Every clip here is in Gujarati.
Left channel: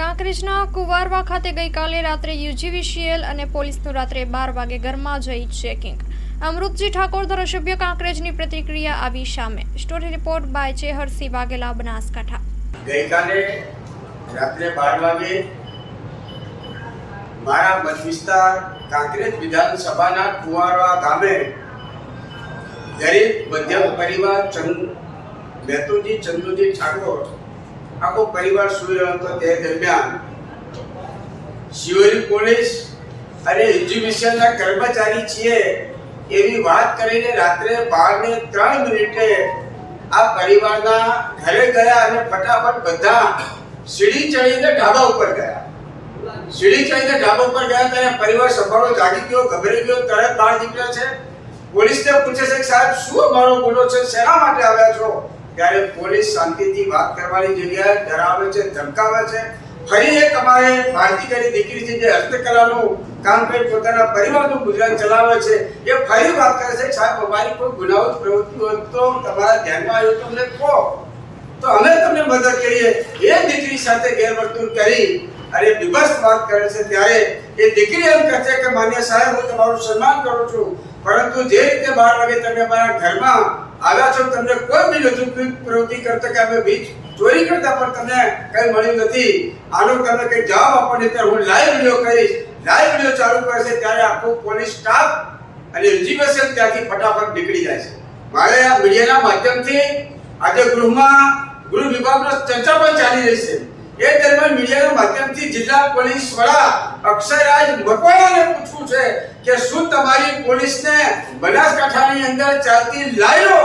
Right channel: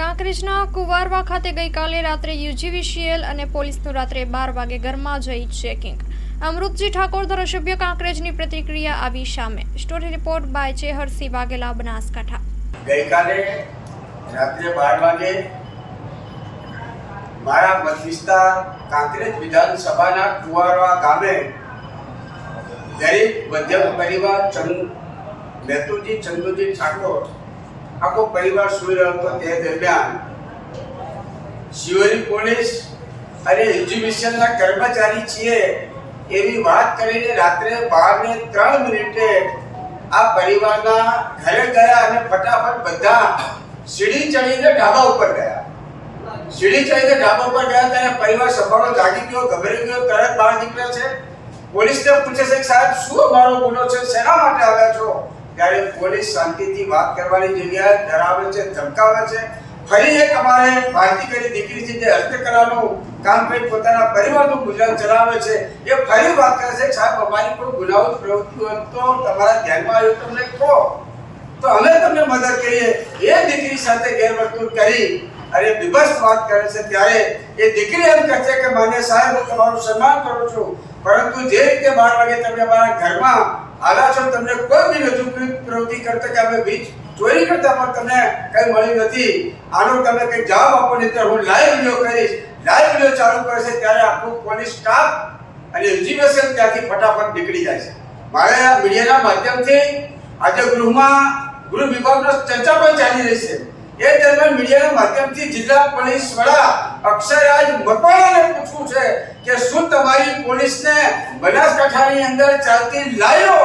કાંકરેજના કુવારવા ખાતે ગઈકાલે રાત્રે યુજીવીસીએલ અને પોલીસનું રાત્રે 12 વાગે ઘરમાં જઈ ચેકિંગ. અમૃતજી ઠાકોર ધારાસભ્ય કાંકરેજની પ્રતિક્રિયા આવી સામે. Story report by Cheharsinh Vaghela, Banaskantha. ગઈકાલે રાત્રે 12 વાગે મારા મત વિસ્તાર કાંકરેજ વિધાનસભાના કુવારવા ગામે ગરીબ મધ્યમ પરિવાર મેતુજી ચંદુજી ઠાકોર આખો પરિવાર સૂઈ રહ્યો હતો. તે દરમિયાન શિવરી પોલીસ અને એજ્યુકેશનના કર્મચારી છીએ એવી વાત કરીને રાત્રે 12:03 આ પરિવારના ઘરે ગયા અને ફટાફટ બધા સીડી ચડીને ઢાબા ઉપર ગયા. સીડી ચડીને ઢાબા ઉપર ગયા ત્યારે પરિવાર સંભાળો જાગી ગયો, ગભરાઈ ગયો, તરત બહાર નીકળે છે. પોલીસને પૂછે છે કે સાહેબ શું મારો ગુનો છે, શેના માટે આવ્યા છો? ત્યારે પોલીસ શાંતિથી વાત કરવાની જગ્યાએ ડરાવે છે, ધમકાવે છે. ફરી એક અમારે ભારતીય દીકરી છે જે હસ્તકલાનું કામ કરી પોતાના પરિવારનું ગુજરાન ચલાવે છે, એ ફરી વાત કરે છે સાહેબ અમારી કોઈ ગુનાહિત પ્રવૃત્તિ હોય તો તમારા ધ્યાનમાં આવ્યો તો અમને કહો તો અમે તમને મદદ કરીએ. એ દીકરી સાથે ગેરવર્તણૂક કરી અને વિભત્સ વાત કરે છે ત્યારે એ દીકરી એમ કહે છે કે માન્ય સાહેબ હું તમારું સન્માન કરું છું, પરંતુ જે રીતે 12 વાગે તમે અમારા ઘરમાં આવ્યા છો, તમને કોઈ બી નથી પ્રવૃત્તિ કરતા કે અમે વીજ ચોરી કરતા પણ તમને કઈ મળ્યું નથી, આનો તમે કઈ જવાબ આપો નહીં તો હું લાઈવ વિડીયો કરીશ. લાઈવ વિડીયો ચાલુ કરે છે ત્યારે આખું પોલીસ સ્ટાફ અને એજ્યુકેશન ત્યાંથી ફટાફટ નીકળી જાય છે. મારે આ મીડિયાના માધ્યમથી આજે ગૃહ વિભાગનો ચર્ચા પણ ચાલી રહી છે. એ દરમિયાન મીડિયાના માધ્યમથી જિલ્લા પોલીસ વડા અક્ષયરાજ મકવાણાને પૂછવું છે કે શું તમારી પોલીસને બનાસકાંઠાની અંદર ચાલતી લાઈનો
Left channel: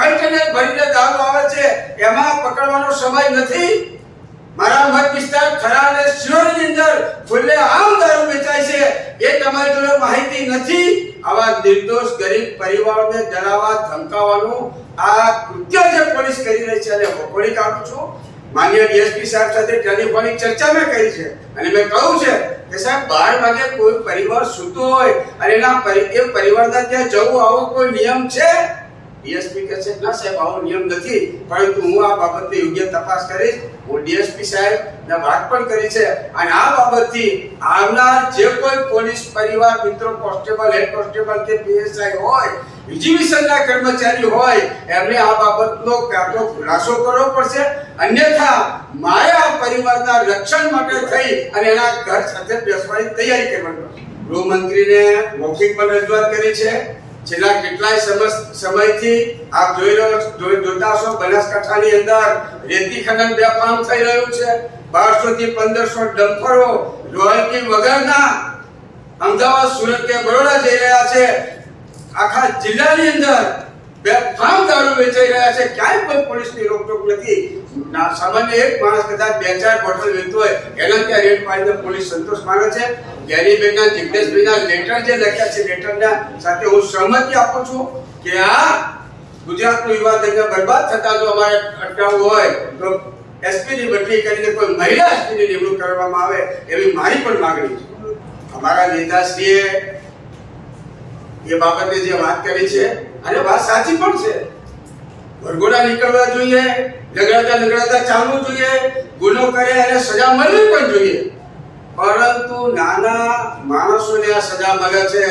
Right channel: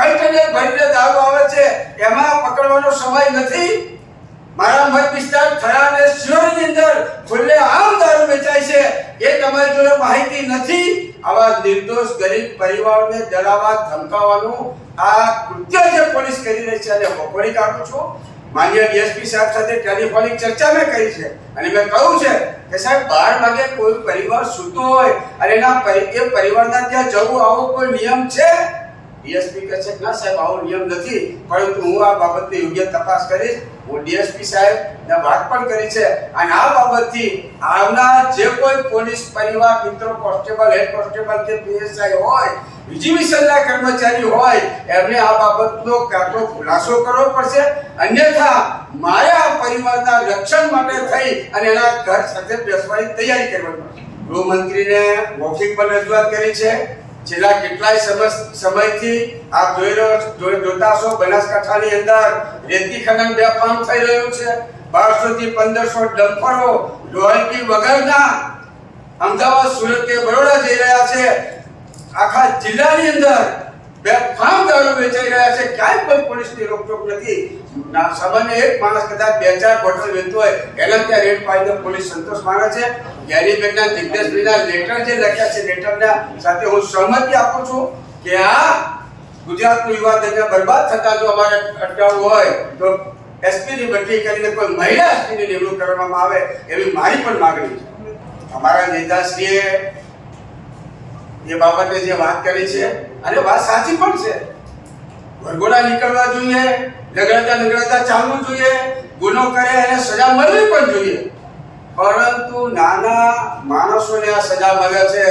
કન્ટેનર ભરીને દારૂ આવે છે એમાં પકડવાનો સમય નથી? મારા મત વિસ્તાર થરા અને શિરોની અંદર ખુલ્લે આમ દારૂ વેચાય છે એ તમારી જોડે માહિતી નથી? આવા નિર્દોષ ગરીબ પરિવારોને ડરાવવા ધમકાવવાનું આ કૃત્ય જે પોલીસ કરી રહી છે અને વખોડી કાઢું છું. માન્ય ડીએસપી સાહેબ સાથે ટેલિફોનિક ચર્ચા મેં કરી છે અને મેં કહ્યું છે કે સાહેબ 12 વાગે કોઈ પરિવાર સૂતો હોય અને એ પરિવારના ત્યાં જવું આવો કોઈ નિયમ છે? ડીએસપી કહે છે ના સાહેબ આવો નિયમ નથી, પરંતુ હું આ બાબતની યોગ્ય તપાસ કરીશ. હું ડીએસપી સાહેબને વાત પણ કરી છે અને આ બાબતથી આવનાર જે કોઈ પોલીસ પરિવાર મિત્રો, કોન્સ્ટેબલ, હેડ કોન્સ્ટેબલ કે પીએસઆઈ હોય, એજ્યુકેશનના કર્મચારી હોય, એમને આ બાબતનો કાં તો ખુલાસો કરવો પડશે, અન્યથા મારે આ પરિવારના રક્ષણ માટે થઈ અને એના ઘર સાથે બેસવાની તૈયારી કરવી પડશે. ગૃહમંત્રીને મૌખિક પણ રજૂઆત કરી છે. છેલ્લા કેટલાય સમયથી આપ જોતા હશો બનાસકાંઠાની અંદર રેતી ખનન બેફામ થઈ રહ્યું છે. 1200 થી 1500 ડમ્પરો રોયલ્ટી વગરના અમદાવાદ, સુરત કે બરોડા જઈ રહ્યા છે. આખા જિલ્લાની અંદર બેફામ દારૂ વેચાઈ રહ્યા છે. ક્યાંય કોઈ પોલીસની રોકટોક નથી. સામાન્ય એક માણસ કદાચ 2-4 બોટલ વેચતો હોય એના ત્યાં રેડ પાડીને પોલીસ સંતોષ માને છે. જ્ઞાનીબેનના, જિજ્ઞેશભાઈના લેટર જે લખ્યા છે, લેટરના સાથે હું સહમતિ આપું છું કે આ ગુજરાતનું યુવા ધનને બરબાદ થતા જો અમારે અટકાવવું હોય તો એસપીની બદલી કરીને કોઈ મહિલા એસપીની નિમણૂક કરવામાં આવે એવી મારી પણ માંગણી છે. અમારા નેતાશ્રીએ એ બાબતે જે વાત કરી છે અને વાત સાચી પણ છે. વરઘોડા નીકળવા જોઈએ, લગડાતા ચાલવું જોઈએ, ગુનો કરે અને સજા મળવી પણ જોઈએ, પરંતુ નાના માણસોને આ સજા મળે છે.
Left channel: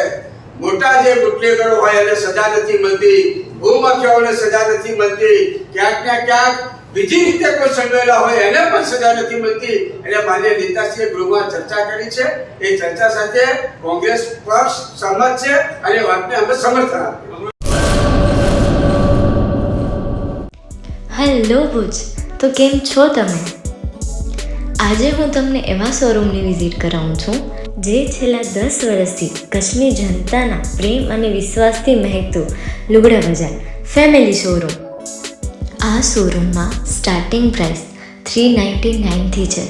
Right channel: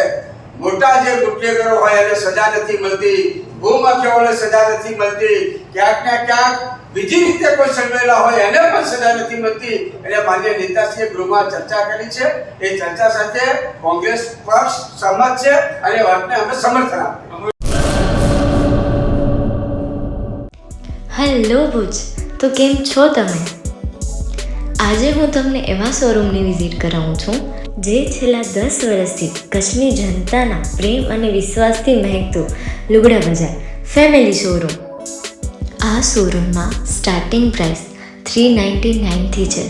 મોટા જે બુટલેગરો હોય એને સજા નથી મળતી, ભૂમાફિયાઓને સજા નથી મળતી, ક્યાંક ને ક્યાંક બીજી રીતે કોઈ સંડોયેલા હોય એને પણ સજા નથી મળતી. એટલે માન્ય નેતાશ્રીએ ગૃહમાં ચર્ચા કરી છે. એ ચર્ચા સાથે કોંગ્રેસ પક્ષ સહમત છે અને વાતને અમે સમર્થન આપ્યું. હેલો ભુજ, તો કેમ છો તમે? આજે હું તમને એવા શોરૂમની વિઝિટ કરાવું છું જે છેલ્લા 10 વર્ષથી કચ્છની જનતાના પ્રેમ અને વિશ્વાસથી મહેકતું લુગડા બજાર ફેમિલી શોરૂમ. આ શોરૂમમાં સ્ટાર્ટિંગ પ્રાઇસ 399થી છે,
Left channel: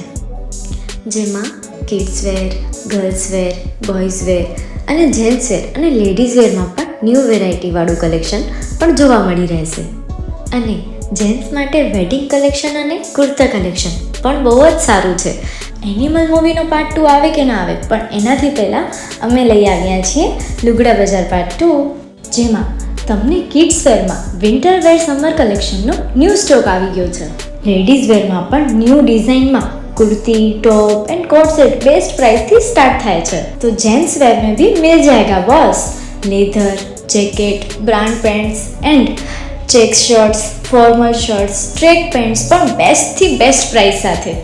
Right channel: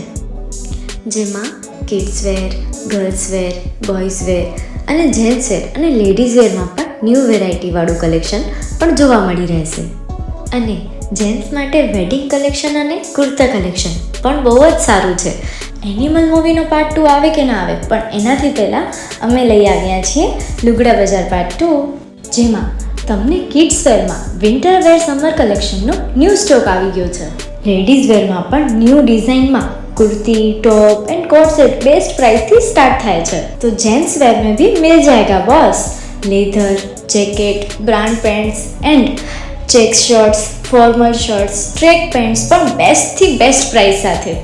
જેમાં kids wear, girls wear, boys wear અને જેન્ટ્સ વેર અને લેડીઝ વેરમાં પણ ન્યૂ વેરાયટીવાળું કલેક્શન પણ જોવા મળી રહેશે. અને જેન્ટ્સ માટે વેડિંગ કલેક્શન અને કુર્તા કલેક્શન પણ બહુ જ સારું છે. એનિમલ મૂવીનો પાર્ટ 2 આવે કે ના આવે, પણ એનાથી પહેલાં અમે લઈ આવ્યા છીએ લુગડા બજાર પાર્ટ 2, જેમાં તમને કિડ્સ વેરમાં વિન્ટર વેર સમર કલેક્શનનો ન્યૂ સ્ટોક આવી ગયો છે. લેડીઝ વેરમાં પણ ન્યૂ ડિઝાઇનમાં kurti top and coat set best price थी स्टार्ट थाय छे। तो जेंट्स वेर में भी मिल जाएगा boss. Leather jacket brand pants and check shirts formal shirts track pants पण बेस्ट थी बेस्ट प्राइस साथे।